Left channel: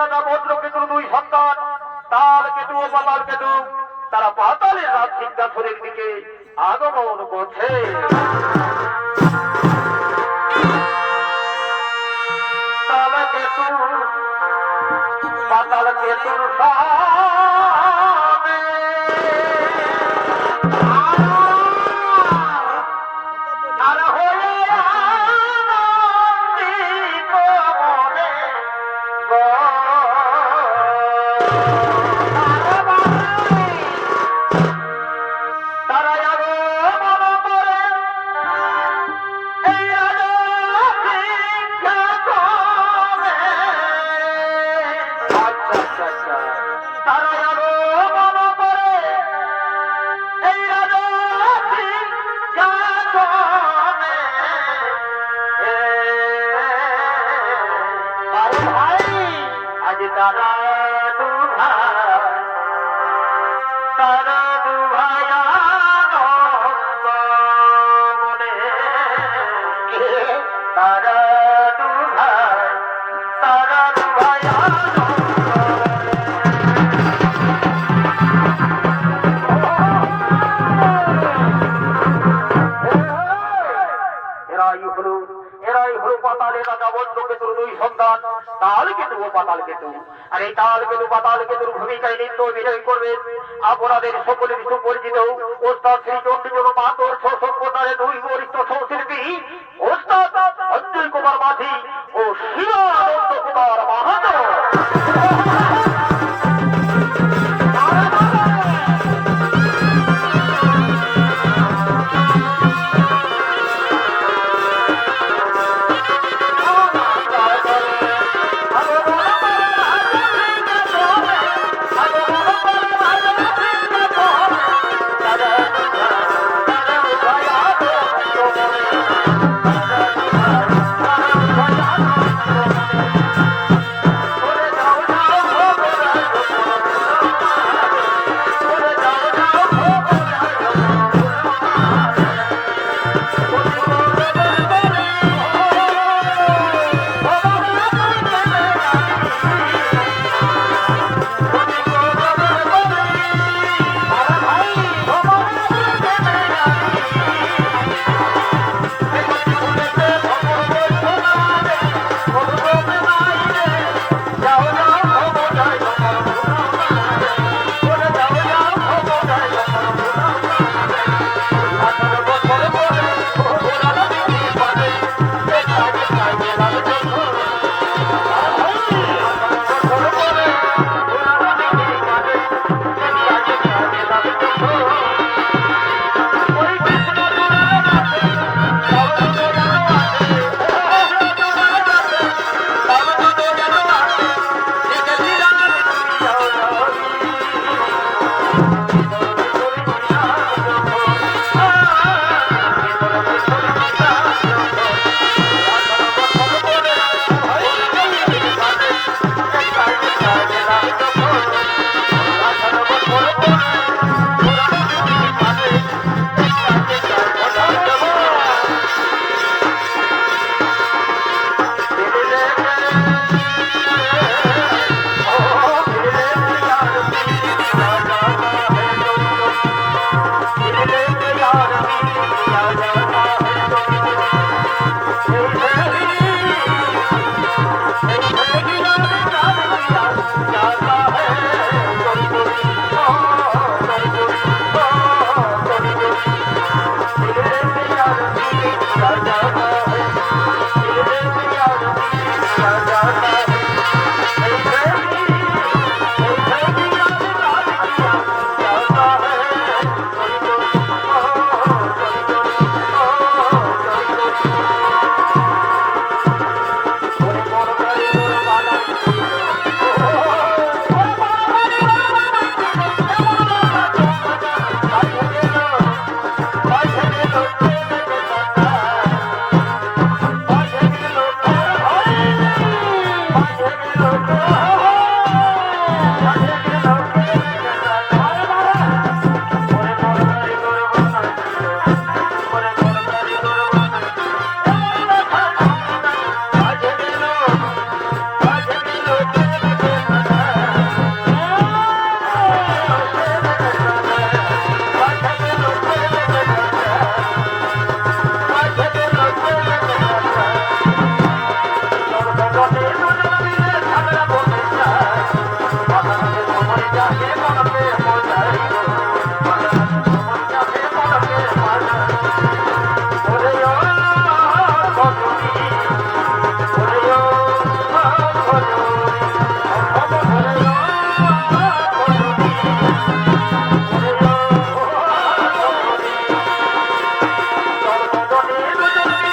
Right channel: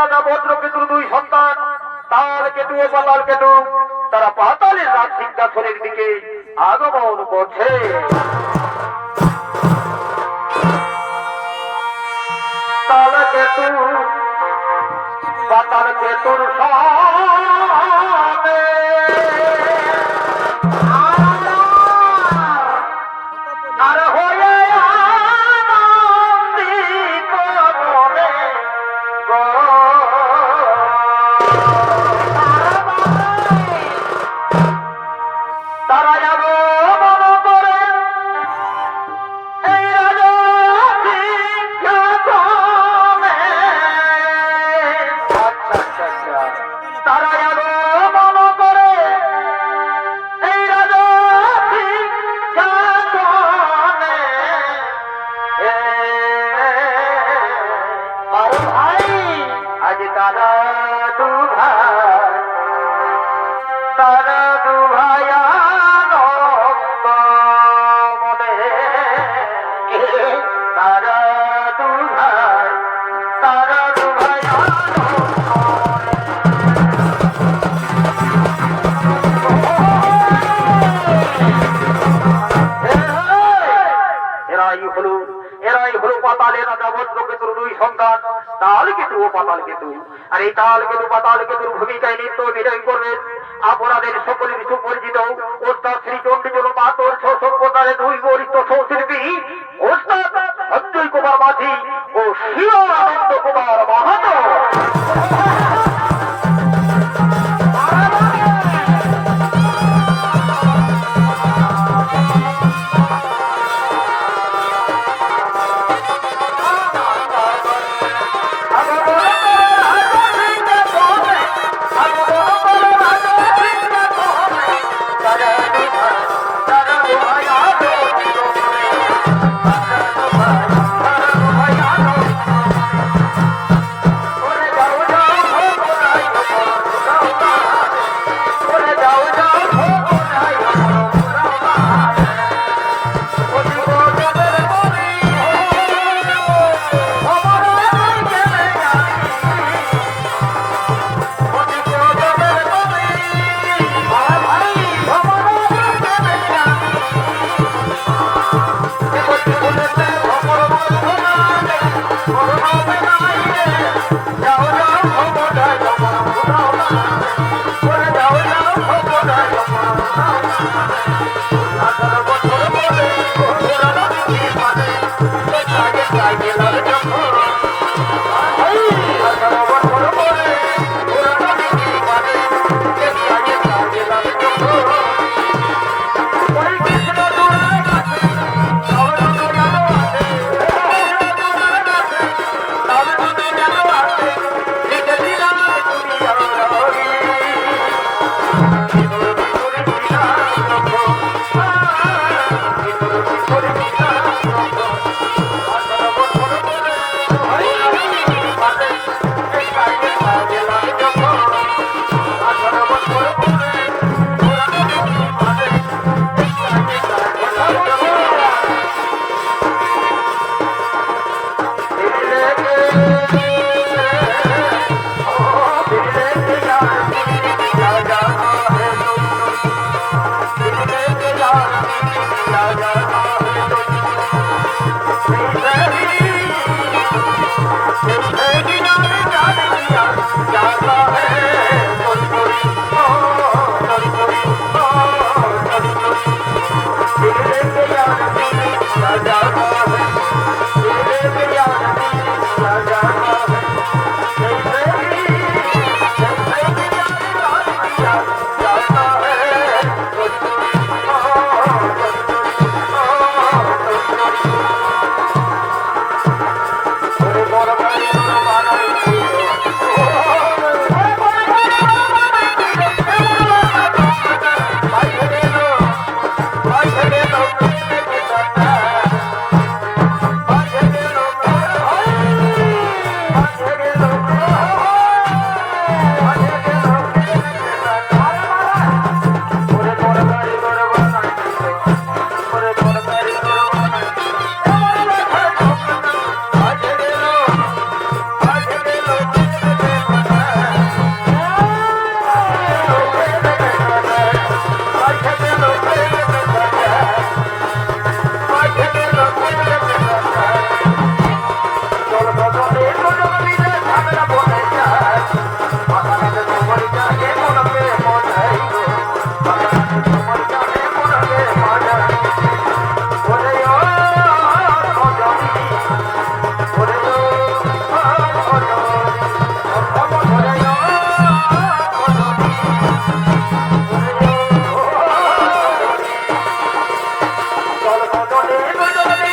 রাজা ভদ্রকেতুর দুই সন্তান, তাল কেতু ও পাতাল কেতু, তারা পাতালের রাজ সিংহাসনের দিকে আগমন করছে। তাল কেতু, পাতাল কেতুর সামনে তারা আগমন করে এই রাজা বারে ভাই আজ তারা দু ভাই তারা দু ভাই ভদ্রকেতুর দুই সন্তান, তাল কেতু ও পাতাল কেতু। আর এই তাল কেতু, পাতাল কেতুর ভূমিকায় নিত্য অভিনয় করবে। আপনাদের ওস্তাদ শ্রী চণ্ডীচল মাতর ছ সম্প্রদায়ের দুই বরিষ্ঠ শিল্পী ওস্তাদ অঞ্জয় কুমার মাঝি ও শিবানন্দ কুমার মাহাতো। Domingos, Domingos.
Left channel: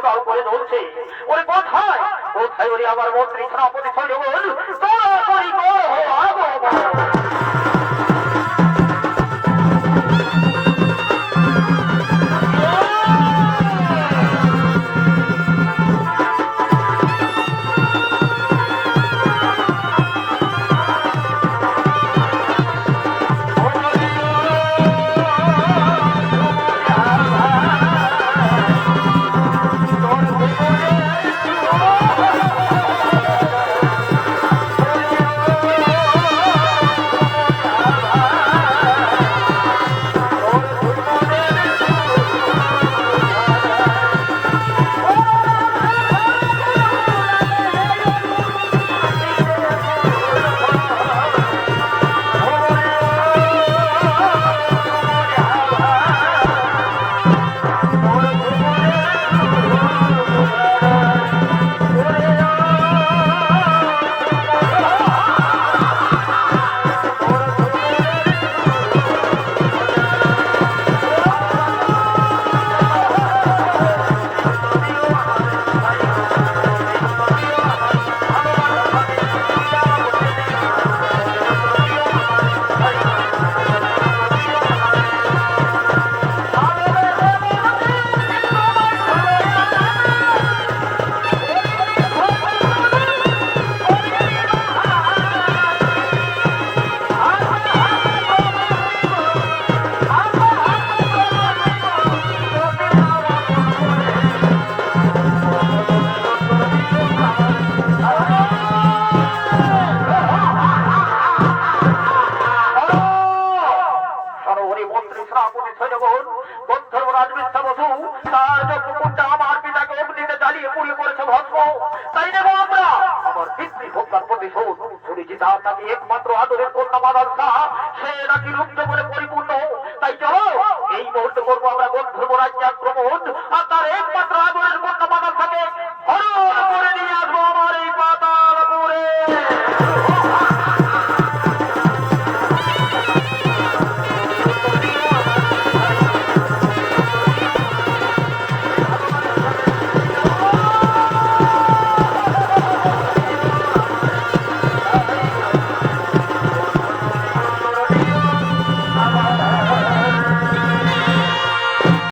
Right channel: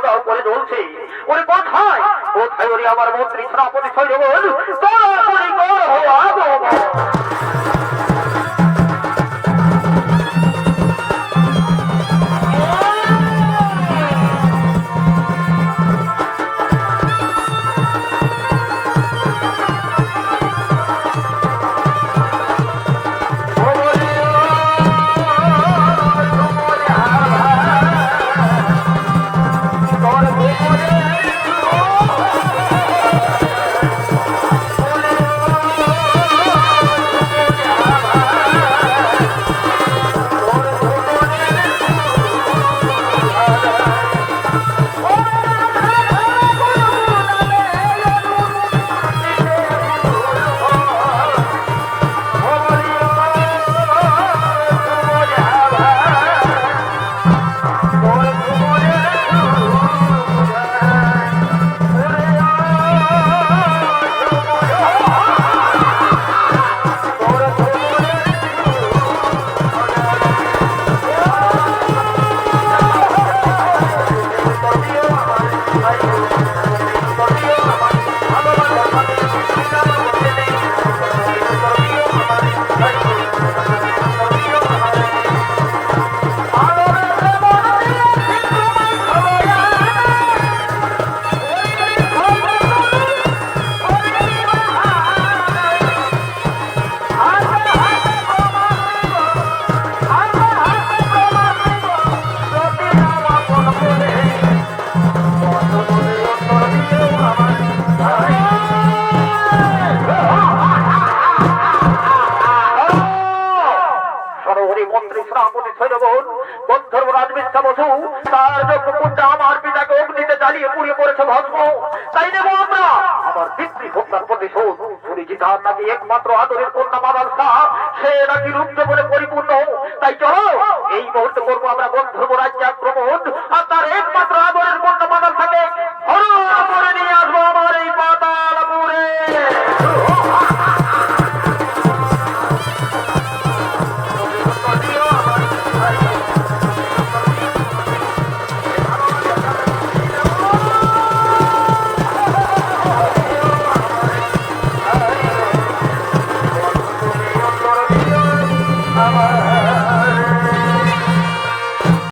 দাও দাও করে ওরে কোথায়? কোথায় ওরে আমার মন্ত্রী সেনাপতি সৈন্যগণ তাড়াতাড়ি কর হো আগমন। রাজমিষ্ঠা বসু তার যে আমার পিতাকে অগ্নিতে জ্বালিয়ে পুড়িয়ে করেছে ভস্ম, তাই দেবো আমরা। আমার পিতৃ ভোক্তার প্রতিশোধ, শুনেছি নাকি একমাত্র আদরের কন্যা মাদাল শাহ, সে নাকি রুগ্ন বলে পরিপূর্ণ। তাই চলো, এই মুহূর্তে করব আমরা গন্ধর্ব রাজ্য আক্রমণ আর তার একমাত্র আদরের কন্যা মাদাল থাকে হরণ করে নিয়ে আসব আমার এই পাতালপুরে